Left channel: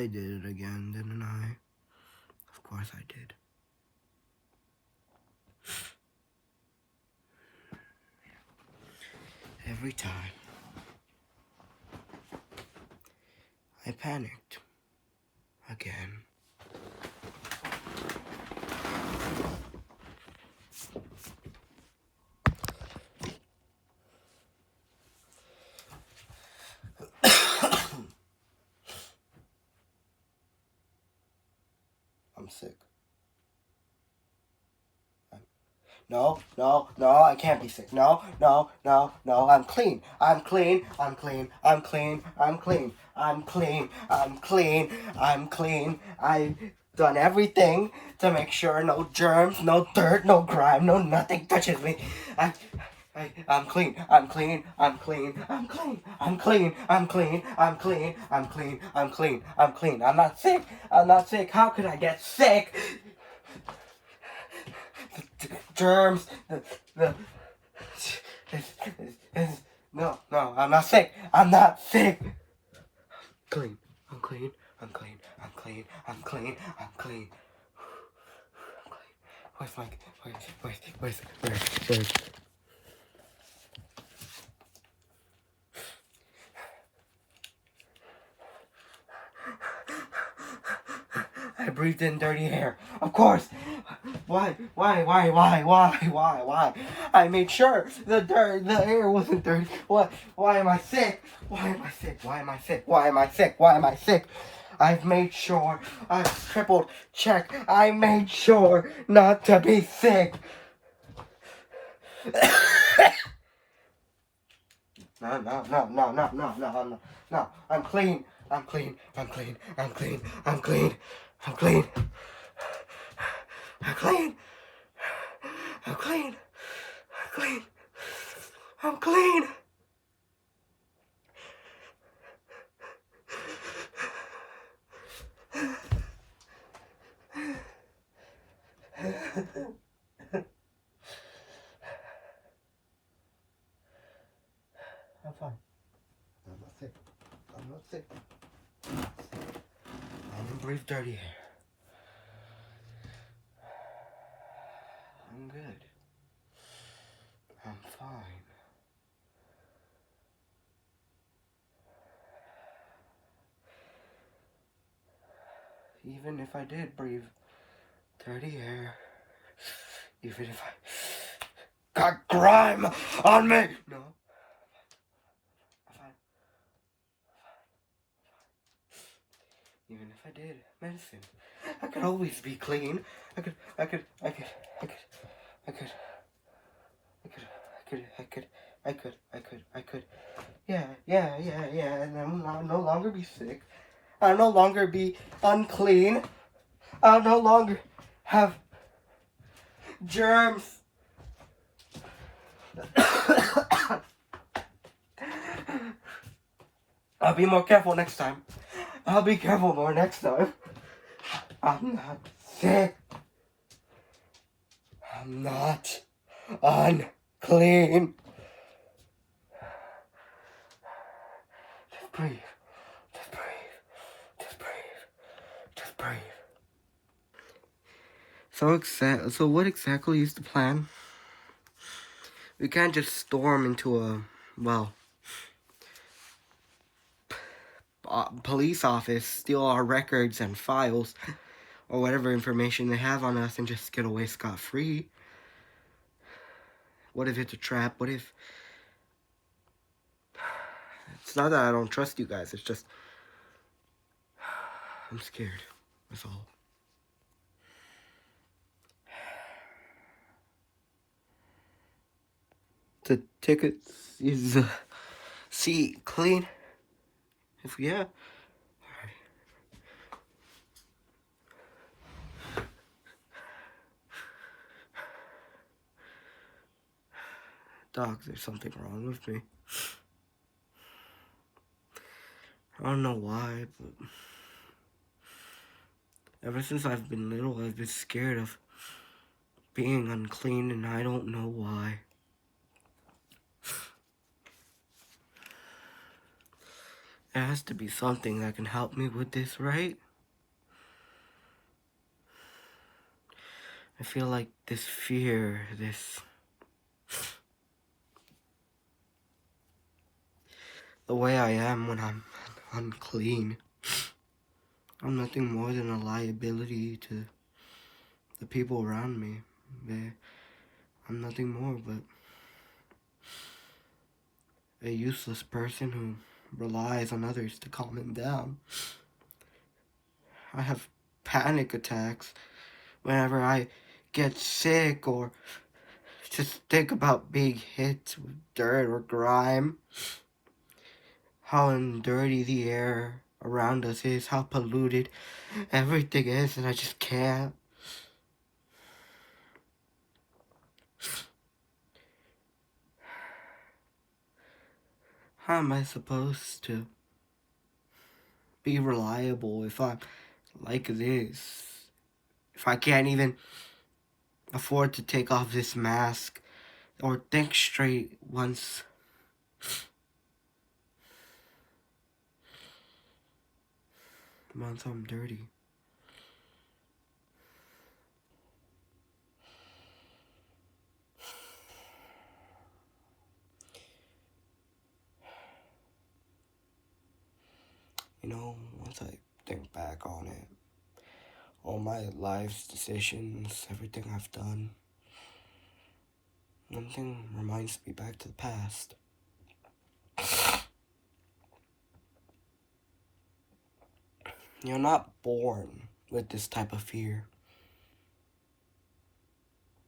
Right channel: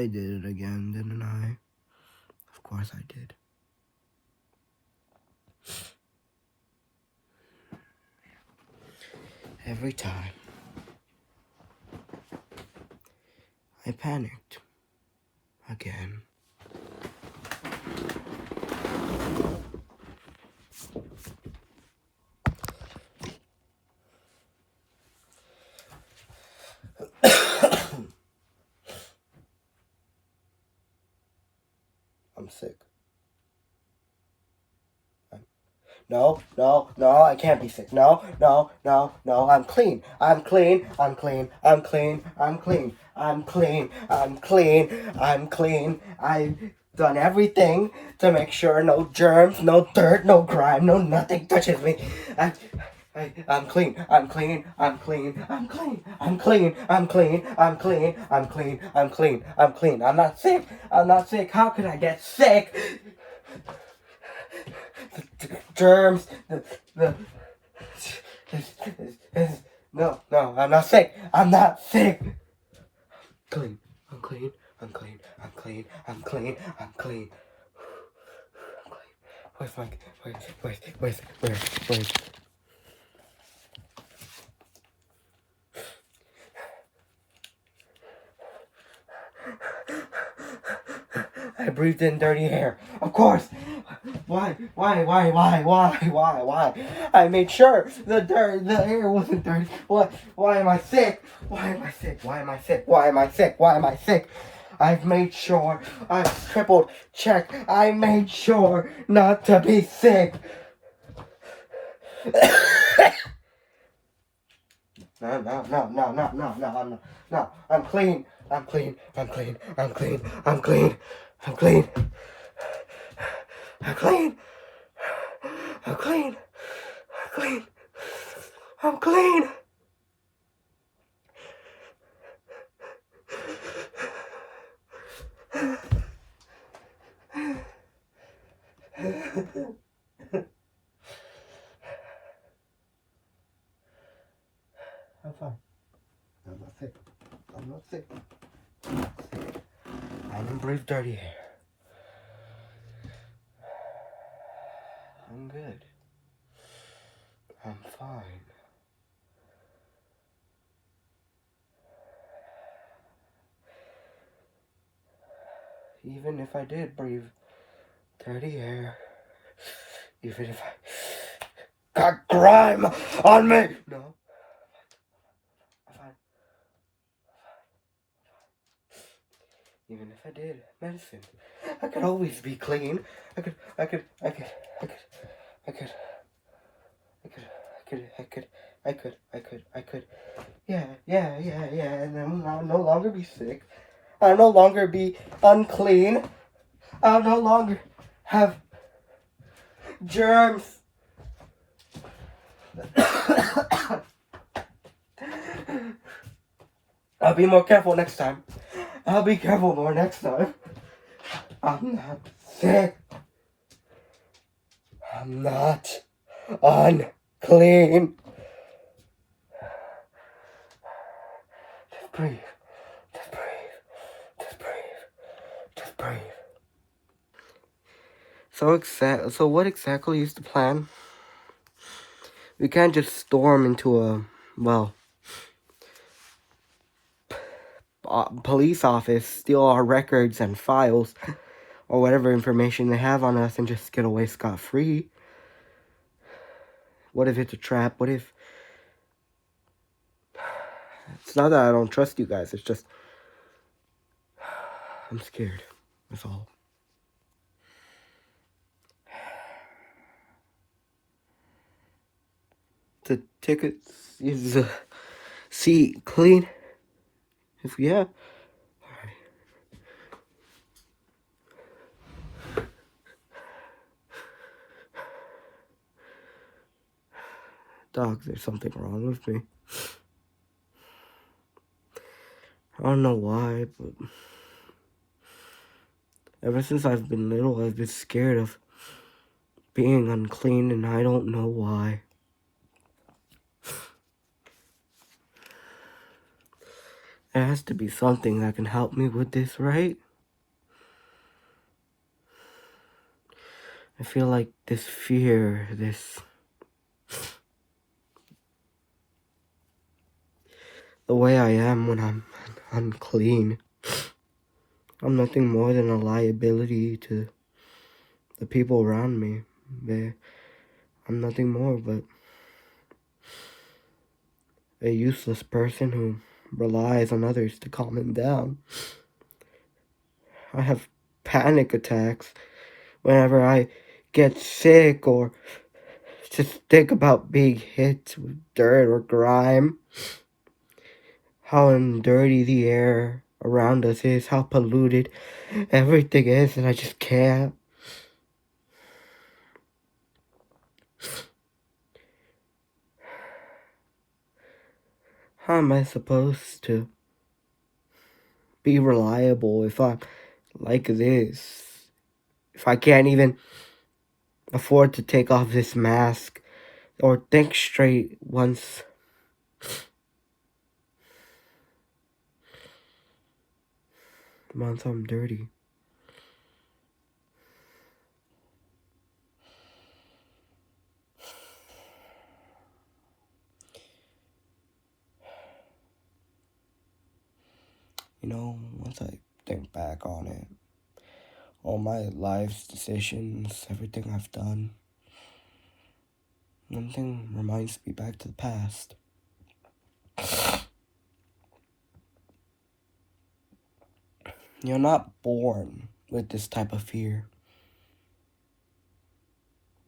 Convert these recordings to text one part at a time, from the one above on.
I did it again, didn't I? Of course I did. Every time I panicked again. I'm sick. No, I can't be sick. No, I'm clean. I'm clean. I've done everything to make sure no germs, no dirt, no grime, no nothing touches me. I'm clean. I'm not sick. How could I get sick? Germs. No, I'm not sick. I'm clean. Where's I breathed in dirty air. Of course. Why? I made sure the air wasn't dirty. Why am I sick? I've made sure. I've triple checked. I made sure not to be sick. No. I'm clean. I'm clean. I'm fine. I'm not sick. I don't breathe dirty air. I'm good. I'm fine. Even if I did breathe dirty air, even if I got grime on me. No. I'm fine. Even if I did medicine, I could always be clean. I could. Yeah. And then I'll no longer be sick. I'll no longer be unclean. I'll no longer have germs. I'll be more careful next time. I'll be careful more next time. I'm not sick. I'm not unclean. Just breathe. So what exactly is the plan? We can't just storm into a, police office, steal our records and files, or whatever information they have on us and just get away scot-free. What if it's a trap? What if... It's not that I don't trust you guys, it's just... I'm scared. That's all. The tickets is the seat clean? If yeah. Alright. Dog, there's something wrong with me. I don't know why, but ever since I've been little, I've been scared of being unclean, and I don't know why. There has to be something that can help me with this, right? I feel like this fear, the way I am when I'm unclean. I'm nothing more than a liability to the people around me. I'm nothing more but a useless person who relies on others to calm him down. I have panic attacks whenever I get sick or just think about being hit with dirt or grime. How dirty the air around us is, how polluted everything is, and I just can't. How am I supposed to be reliable if I'm like this? If I can't even afford to take off this mask or think straight once I'm dirty. Once I think back on it, all my life's decisions, everything I've done, everything reminds me back to the past. You're not born with this type of fear.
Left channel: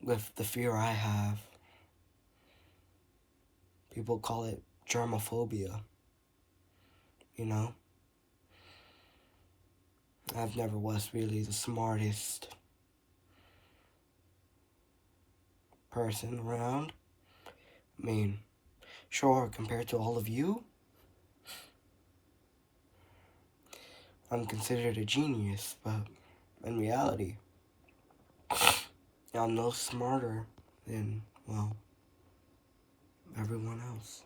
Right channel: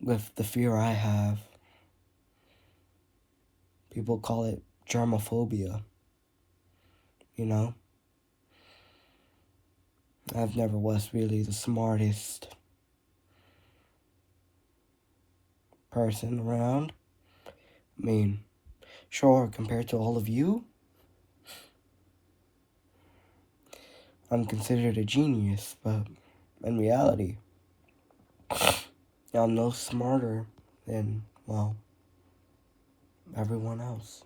With the fear I have. People call it germophobia. I've never was really the smartest person around. I mean, sure, compared to all of you, I'm considered a genius, but in reality, I'm no smarter than, well, everyone else.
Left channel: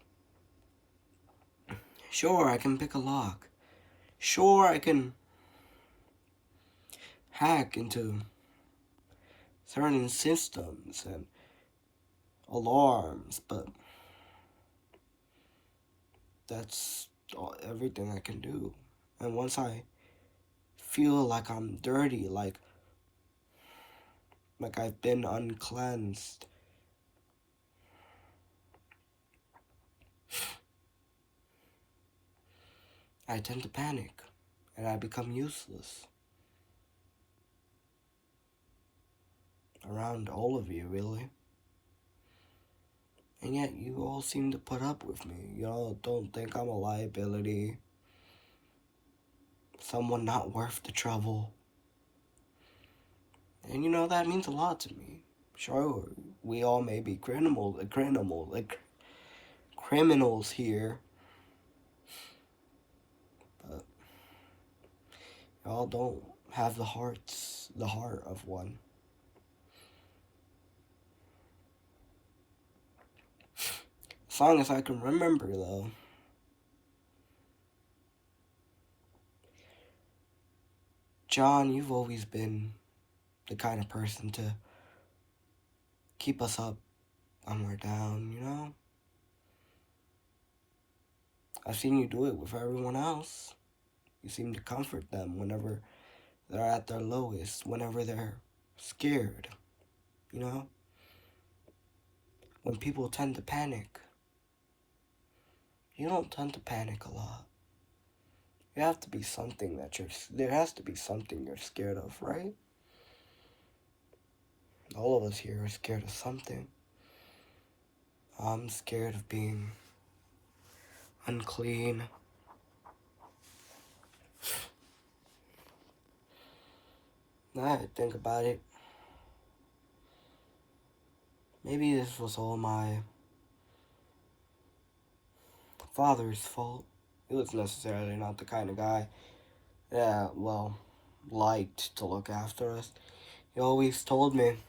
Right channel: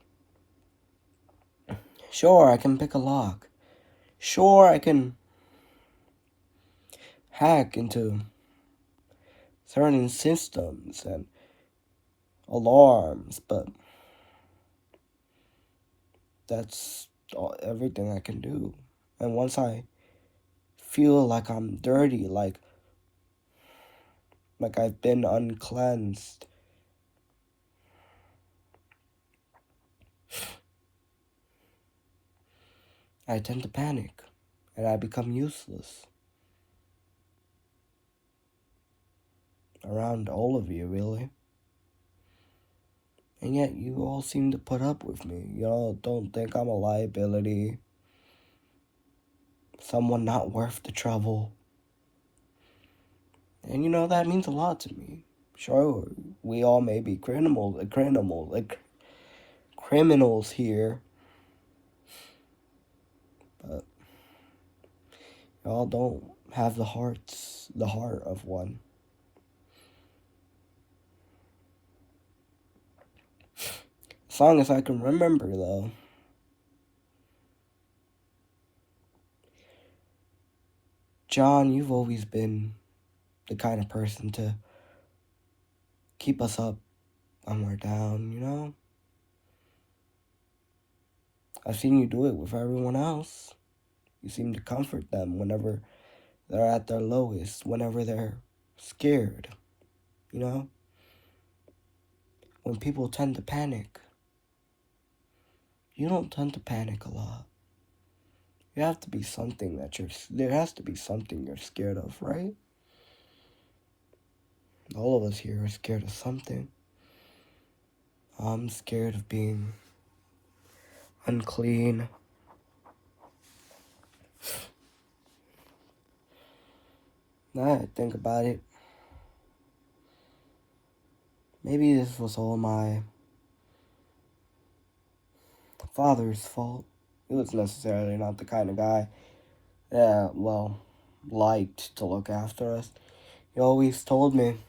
Sure, I can pick a lock. Sure, I can hack into certain systems and alarms, but that's everything I can do. And once I feel like I'm dirty, like I've been uncleansed, I tend to panic and I become useless around all of you, really. And yet you all seem to put up with me. Y'all don't think I'm a liability, someone not worth the trouble. And that means a lot to me. Sure, we all may be criminals here, but y'all don't have the heart of one. As long as I can remember, though. John, you've always been the kind of person to keep us up when we're down, I've seen you do it with everyone else. You seem to comfort them whenever they're at their lowest, whenever they're scared, When people tend to panic, you don't tend to panic a lot. There has to be something you're scared of, right? All of us here are scared of something. I'm scared of being unclean. Now I think about it, maybe this was all my father's fault. He was necessarily not the kind of guy that, liked to look after us. He always told me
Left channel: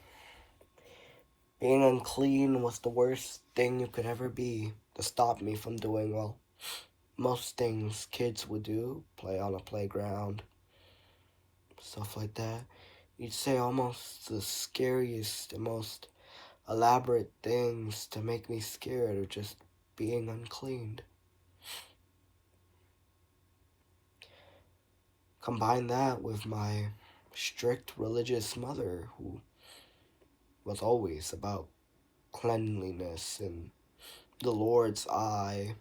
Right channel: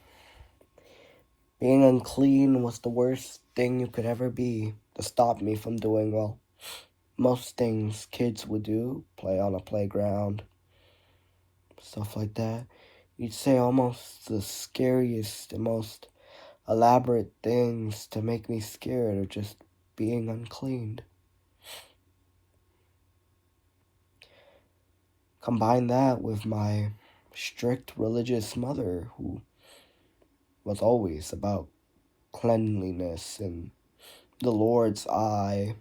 being unclean was the worst thing you could ever be to stop me from doing well. most things kids would do, play on a playground, stuff like that. You'd say almost the scariest and most elaborate things to make me scared of just being uncleaned. Combine that with my strict religious mother who was always about cleanliness and the Lord's eye.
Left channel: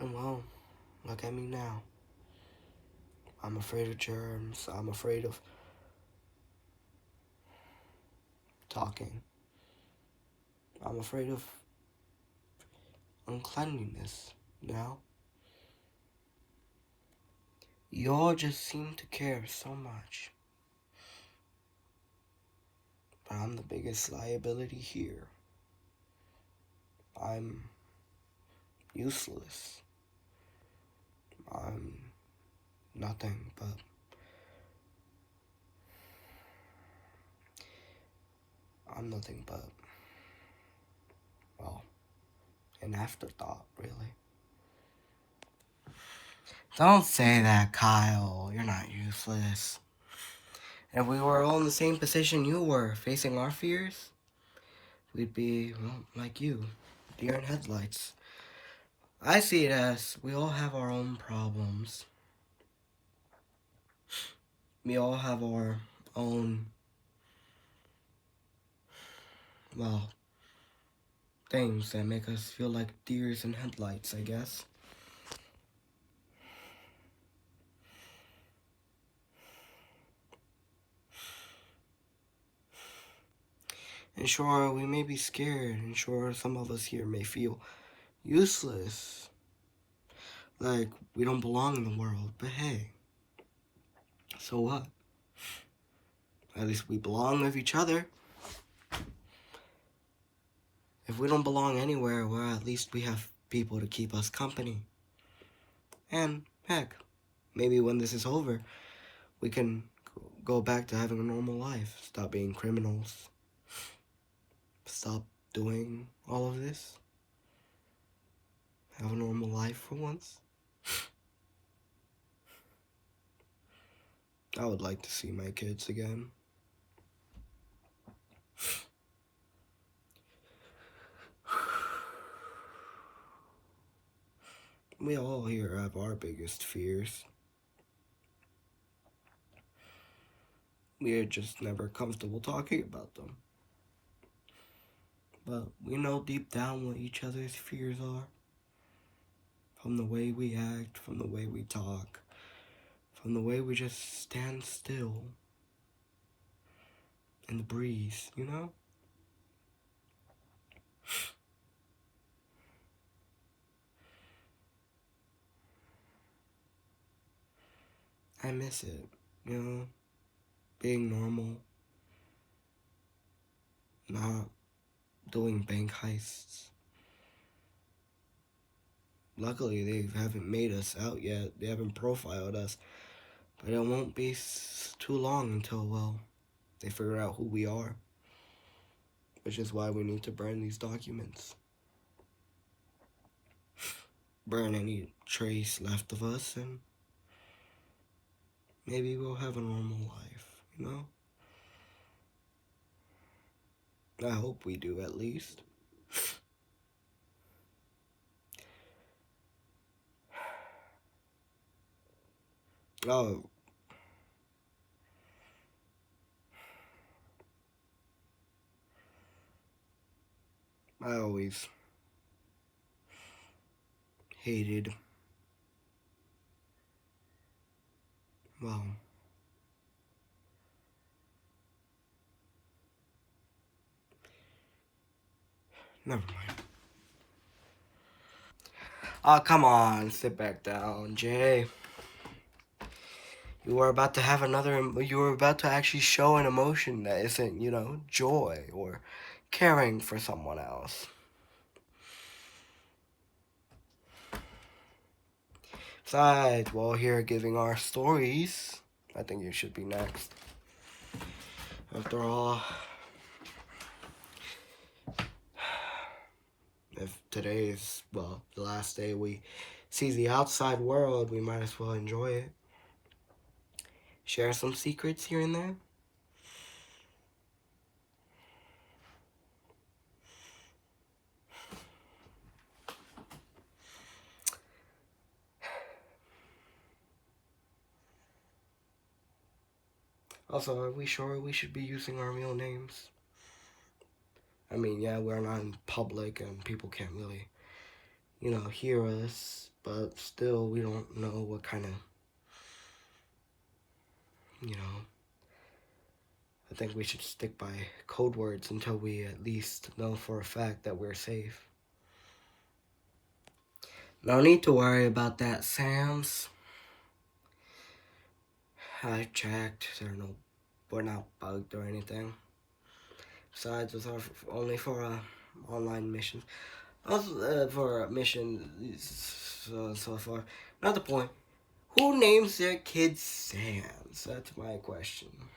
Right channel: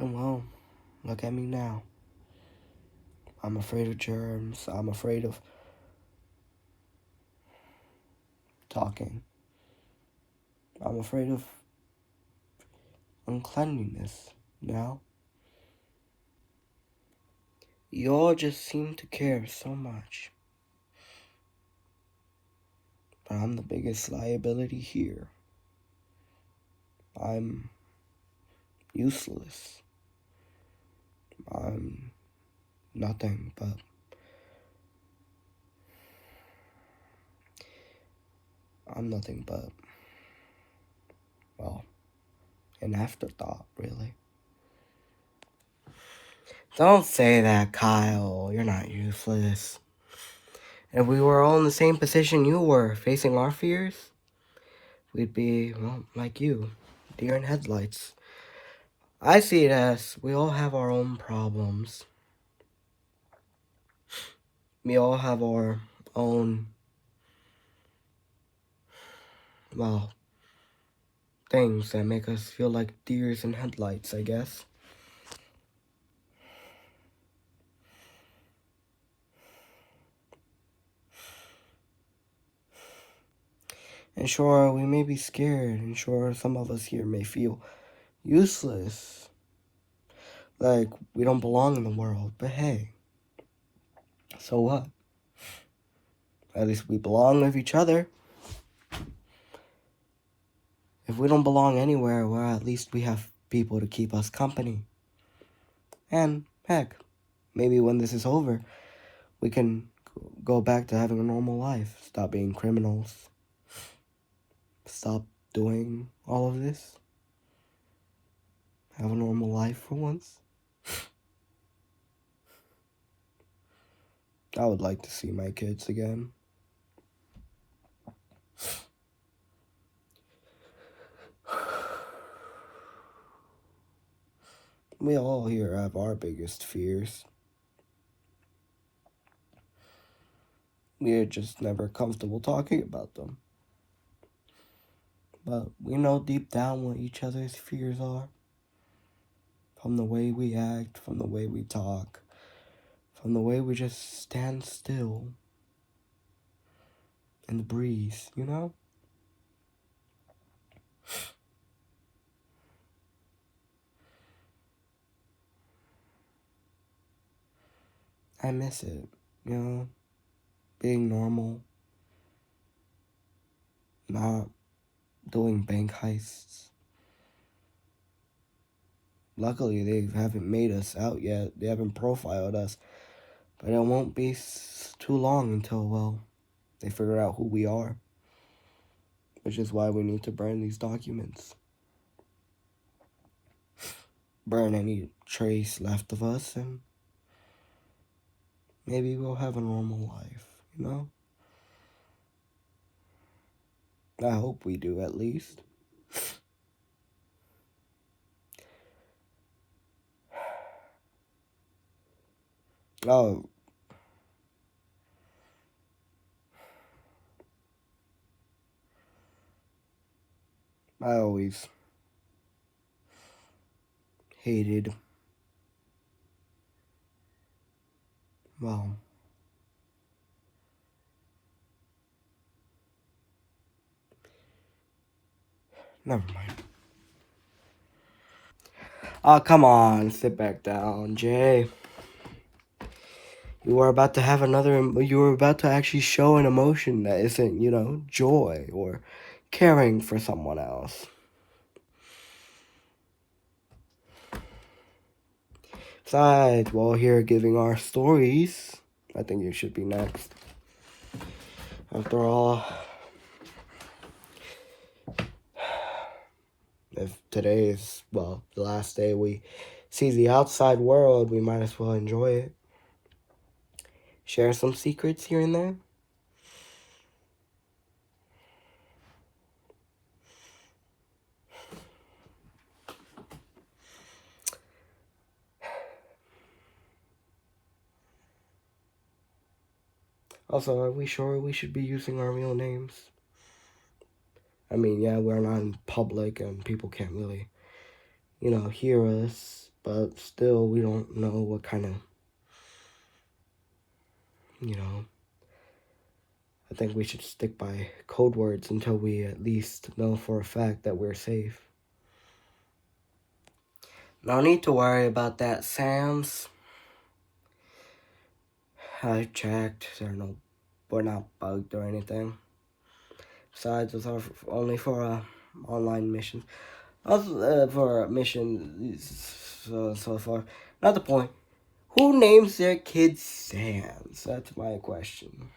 And well, look at me now. I'm afraid of germs. I'm afraid of talking. I'm afraid of uncleanliness now. You all just seem to care so much. But I'm the biggest liability here. I'm useless. I'm nothing but well, an afterthought, really. Don't say that, Kyle. You're not useless. If we were all in the same position you were, facing our fears, we'd be, well, like you, deer in headlights. I see it as we all have our own problems. We all have our own, well, things that make us feel like deers in headlights, I guess. And sure, we may be scared, and sure, some of us here may feel useless. Like, we don't belong in the world, but hey, so what? At least we belong with each other. If we don't belong anywhere, well, at least we have people to keep us company. And, heck, maybe when this is over, we can go back to having a normal life. Stop being criminals. Stop doing all of this. Have a normal life for once. I would like to see my kids again. We all here have our biggest fears. We are just never comfortable talking about them. But we know deep down what each other's fears are. From the way we act, from the way we talk, from the way we just stand still in the breeze, you know? I miss it, you know? Being normal, not doing bank heists. Luckily, they haven't made us out yet. They haven't profiled us. But it won't be too long until, well, they figure out who we are. Which is why we need to burn these documents. Burn any trace left of us, and maybe we'll have a normal life, you know? I hope we do, at least. Oh. I always hated, well, never mind. Oh, come on, sit back down, Jay. You were about to have you were about to actually show an emotion that isn't, you know, joy or caring for someone else. Besides, while here giving our stories, I think you should be next. After all, If today is, well, the last day we see the outside world, we might as well enjoy it. Share some secrets here and there. Also, are we sure we should be using our real names? I mean, yeah, we're not in public and people can't really, hear us, but still, we don't know what kind of, I think we should stick by code words until we at least know for a fact that we're safe. No need to worry about that, Sam's. I checked. We're not bugged or anything. Besides, it's only for online missions. Also, for missions so far. Not the point. Who names their kids Sam's? That's my question.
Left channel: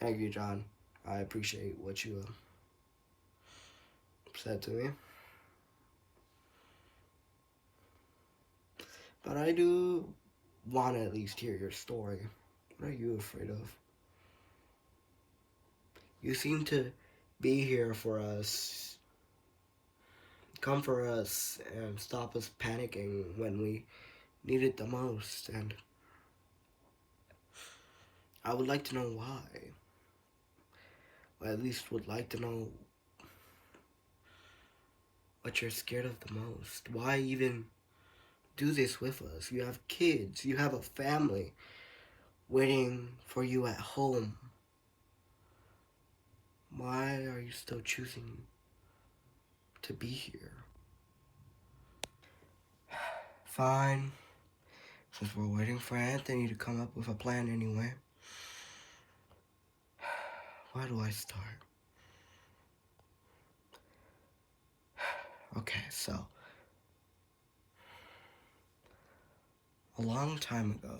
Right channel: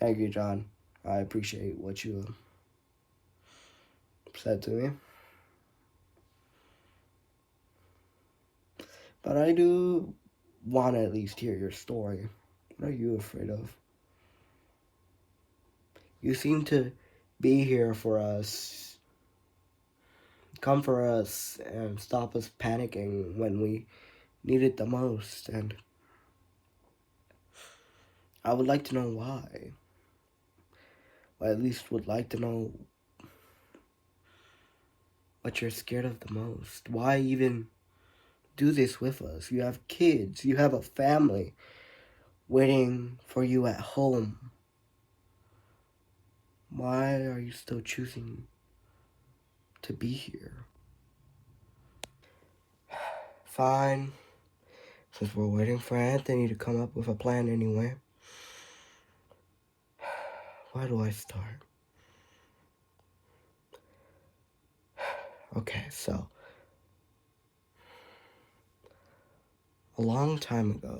Thank you, John. I appreciate what you said to me. But I do want to at least hear your story. What are you afraid of? You seem to be here for us, come for us, and stop us panicking when we need it the most. And I would like to know why. I at least would like to know what you're scared of the most. Why even do this with us? You have kids, you have a family waiting for you at home. Why are you still choosing to be here? Fine. Since we're waiting for Anthony to come up with a plan anyway. Where do I start? Okay, so a long time ago,